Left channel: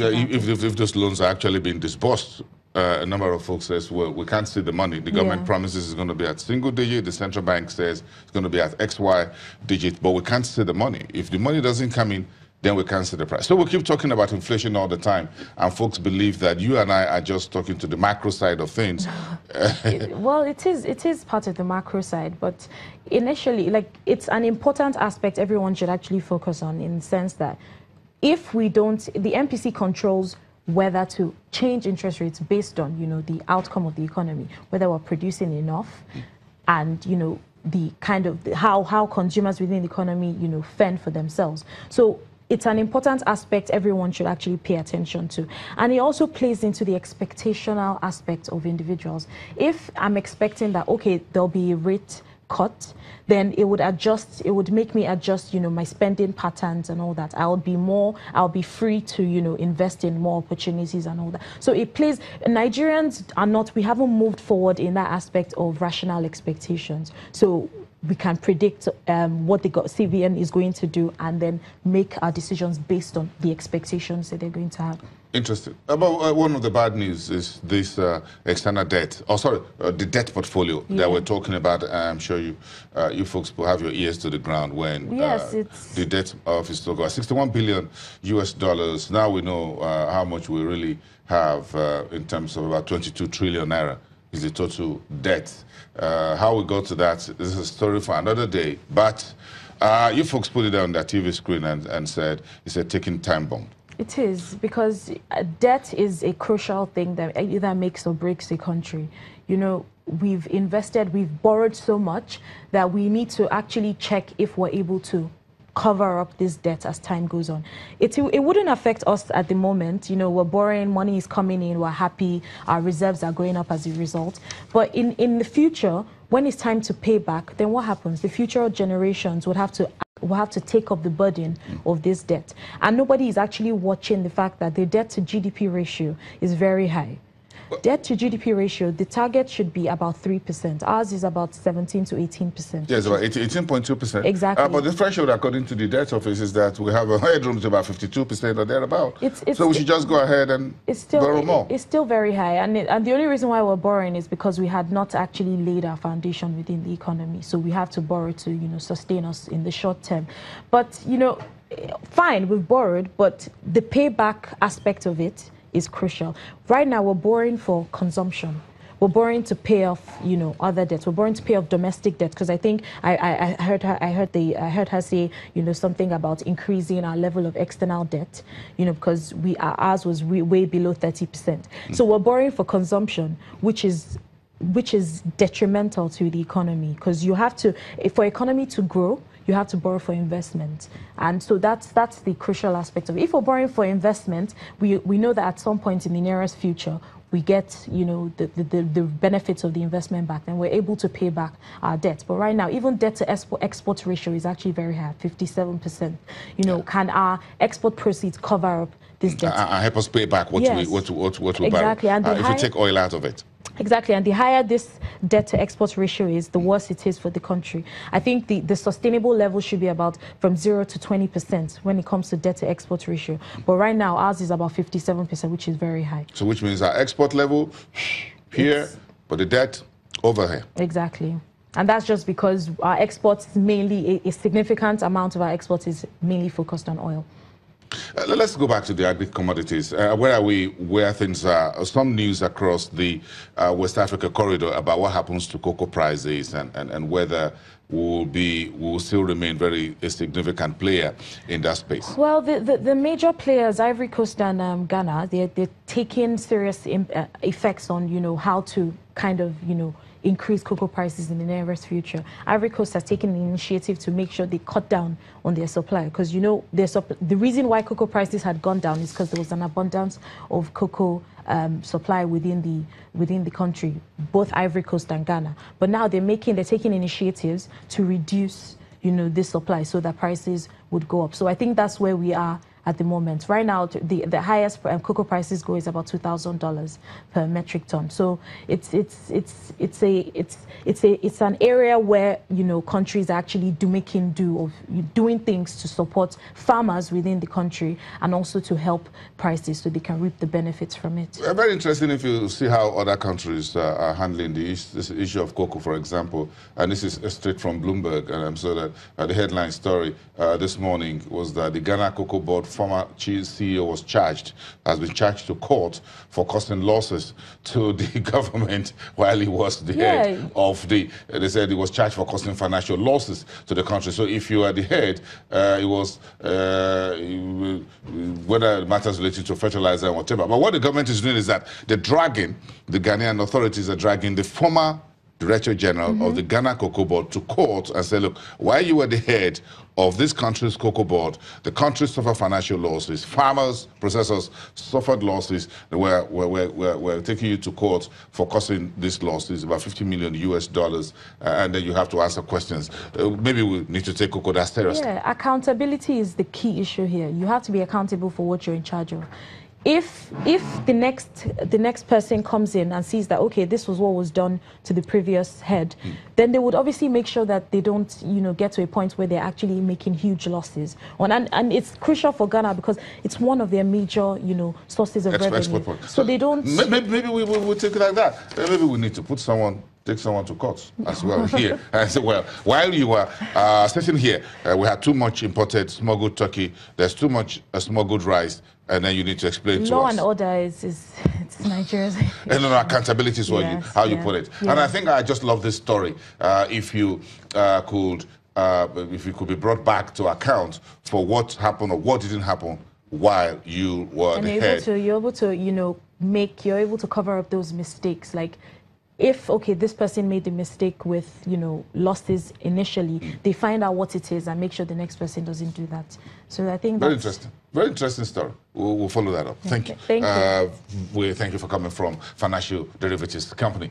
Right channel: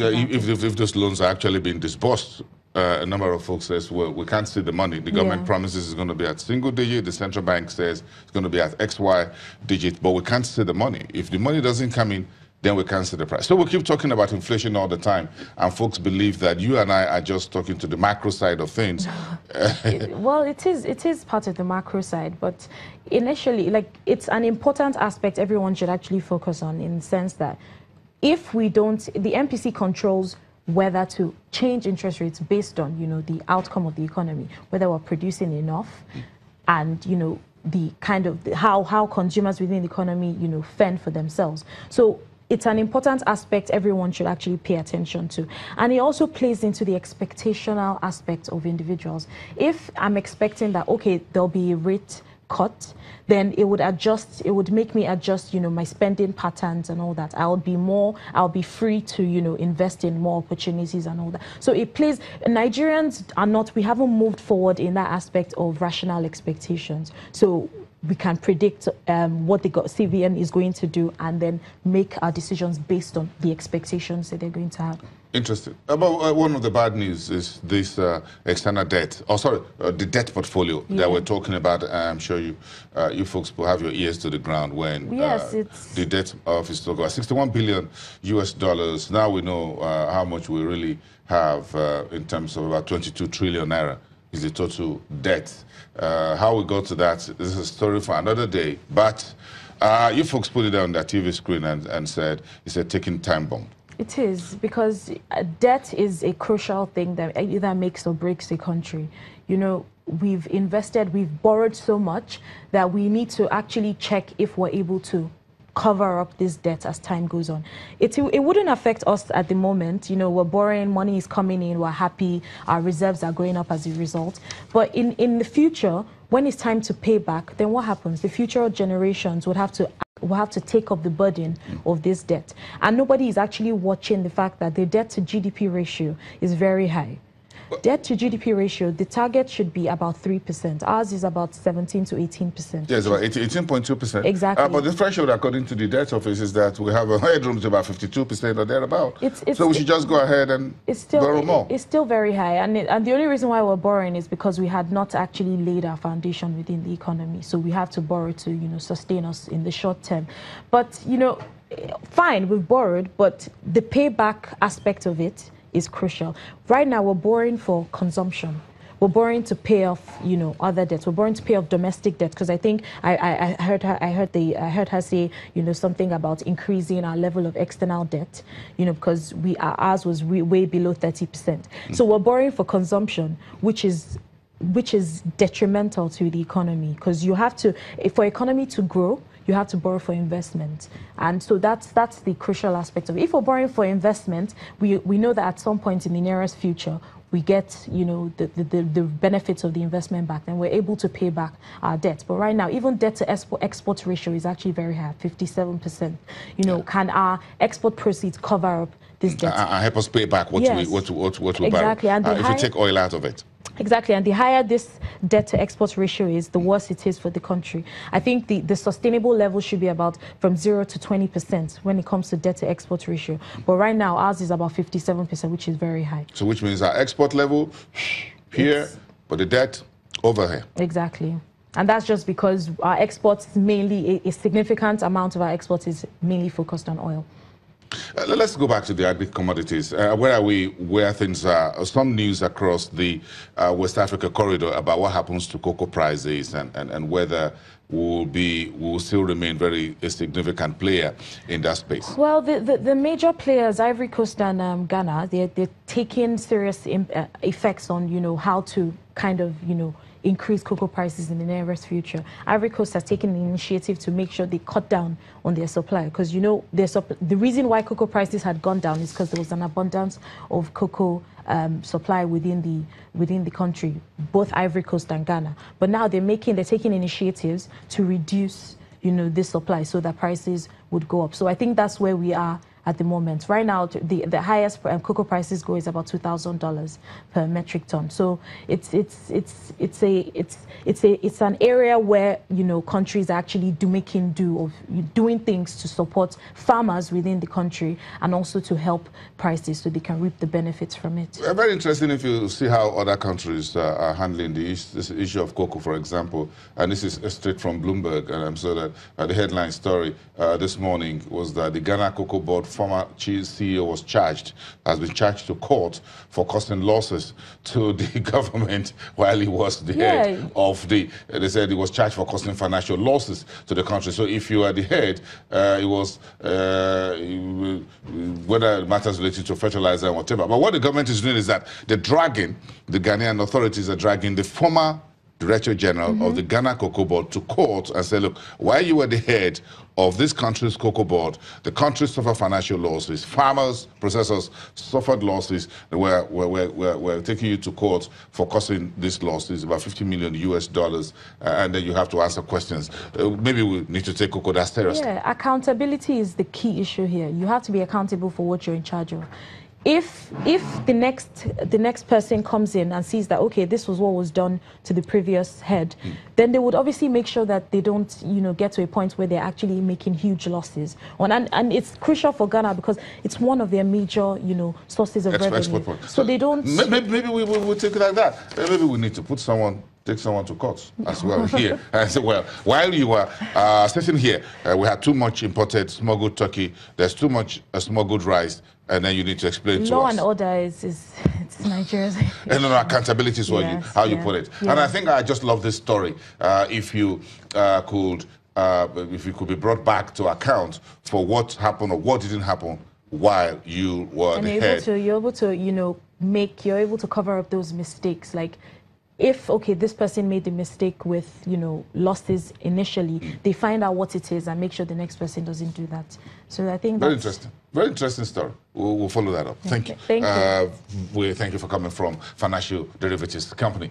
Yeah, if those loans are actually being disbursed, a number of folks says, well, we can't see the money. The government promises it's going to be at single digit. The central bank says it's going to be at XY digit, but we can't see the money. If the money doesn't come in, then we can't see the price. So we keep talking about inflation all the time, and folks believe that you and I are just talking to the macro side of things. Well, it is part of the macro side, but initially, like, it's an important aspect everyone should actually focus on, in the sense that if we don't, the MPC controls whether to change interest rates based on, you know, the outcome of the economy, whether we're producing enough, and, you know, the kind of how consumers within the economy, you know, fend for themselves. So it's an important aspect everyone should actually pay attention to. And it also plays into the expectational aspect of individuals. If I'm expecting that, okay, there'll be a rate cut, then it would make me adjust, you know, my spending patterns and all that. I'll be free to, you know, invest in more opportunities and all that. So it plays, Nigerians we haven't moved forward in that aspect of rational expectations. So we can predict what the CBN is going to do, and then make our decisions based on the expectations that they're going to have. Interesting. About one of the bad news is this external debt. Oh, sorry, the debt portfolio that we're talking about. I'm sure you folks will have your ears to the ground when the debt office talk about $61 billion US. Now we know how much we really have in terms of about 22 trillion naira is the total debt. How we got to that is a story for another day. But you folks put it on that TV screen and said it's a ticking time bomb. It is, because debt is a crucial thing that either makes or breaks a country. You know, we've borrowed so much that we need to actually check if we're able to cover up this debt as time goes on. It wouldn't affect us at the moment. You know, we're borrowing, money is coming in, we're happy, our reserves are going up as a result. But in the future, when it's time to pay back, then what happens? The future generations will have to take up the burden of this debt. And nobody is actually watching the fact that the debt to GDP ratio is very high. Debt to GDP ratio, the target should be about 3%. Ours is about 17 to 18%. Yes, about 18.2%. Exactly. But the threshold, according to the debt office, is that we have a headroom to about 52% or thereabout. So we should just go ahead and borrow more. It's still very high. And the only reason why we're borrowing is because we had not actually laid our foundation within the economy. So we have to borrow to, you know, sustain us in the short term. But, you know, fine, we've borrowed, but the payback aspect of it is crucial. Right now, we're borrowing for consumption. We're borrowing to pay off, you know, other debts. We're borrowing to pay off domestic debt, because I think I heard her say, you know, something about increasing our level of external debt, you know, because ours was way below 30%. So we're borrowing for consumption, which is detrimental to the economy, because you have to, for economy to grow, you have to borrow for investment. And so that's the crucial aspect of it. If we're borrowing for investment, we know that at some point in the nearest future, we get, you know, the benefits of the investment back, and we're able to pay back our debt. But right now, even debt to export ratio is actually very high, 57%. You know, can our export proceeds cover up this debt? Help us pay back what we exactly. borrow. And if you take oil out of it. Exactly, and the higher this debt to export ratio is, the worse it is for the country. I think the sustainable level should be about from 0 to 20% when it comes to debt to export ratio. But right now, ours is about 57%, which is very high. So which means our export level here, but the debt over here. Exactly. And that's just because our exports mainly, a significant amount of our exports is mainly focused on oil. Let's go back to the agri commodities. Where are we, where things are? Some news across the West Africa corridor about what happens to cocoa prices and whether we'll still remain a significant player in that space. Well, the major players, Ivory Coast and Ghana, they're taking serious effects on, you know, how to kind of, you know, increase cocoa prices in the nearest future. Ivory Coast has taken an initiative to make sure they cut down on their supply, because, you know, the reason why cocoa prices had gone down is because there was an abundance of cocoa supply within the country, both Ivory Coast and Ghana. But now they're taking initiatives to reduce, you know, this supply so that prices would go up. So I think that's where we are at the moment. Right now, the highest cocoa prices go is about $2,000 per metric ton. So it's an area where, you know, countries are actually doing things to support farmers within the country and also to help prices so they can reap the benefits from it. Very interesting if you see how other countries are handling this issue of cocoa, for example. And this is straight from Bloomberg. And so that the headline story this morning was that the Ghana Cocoa Board former chief CEO has been charged to court for causing losses to the government while he was the head of they said he was charged for causing financial losses to the country. So if you are the head, it was whether matters related to fertilizer or whatever. But what the government is doing is that the Ghanaian authorities are dragging the former Director General of the Ghana Cocoa Board to court and say, look, while you were the head of this country's cocoa board, the country suffered financial losses. Farmers, processors suffered losses. We're taking you to court for causing these losses, about $50 million US, and then you have to answer questions. Maybe we need to take cocoa that seriously. Yeah, accountability is the key issue here. You have to be accountable for what you're in charge of. If the next person comes in and sees that, okay, this was what was done to the previous head, then they would obviously make sure that they don't, you know, get to a point where they're actually making huge losses. And it's crucial for Ghana because it's one of their major, you know, sources of revenue. So they don't. Maybe we'll take it like that. Maybe we need to take someone to court as well here. And say, well, while you were sitting here, we had too much imported smuggled turkey. There's too much smuggled rice. And then you need to explain to us. Law and order is Nigeria's. And accountability is how you put it. And I think I just love this story. If you could be brought back to account for what happened or what didn't happen while you were the head. You're able to, you know, you're able to cover up those mistakes. Like, if, okay, this person made the mistake with, you know, losses initially, they find out what it is and make sure the next person doesn't do that. So I think very interesting. Very interesting story. We'll follow that up. Thank you. Thank you. Thank you for coming from Financial Derivatives Company.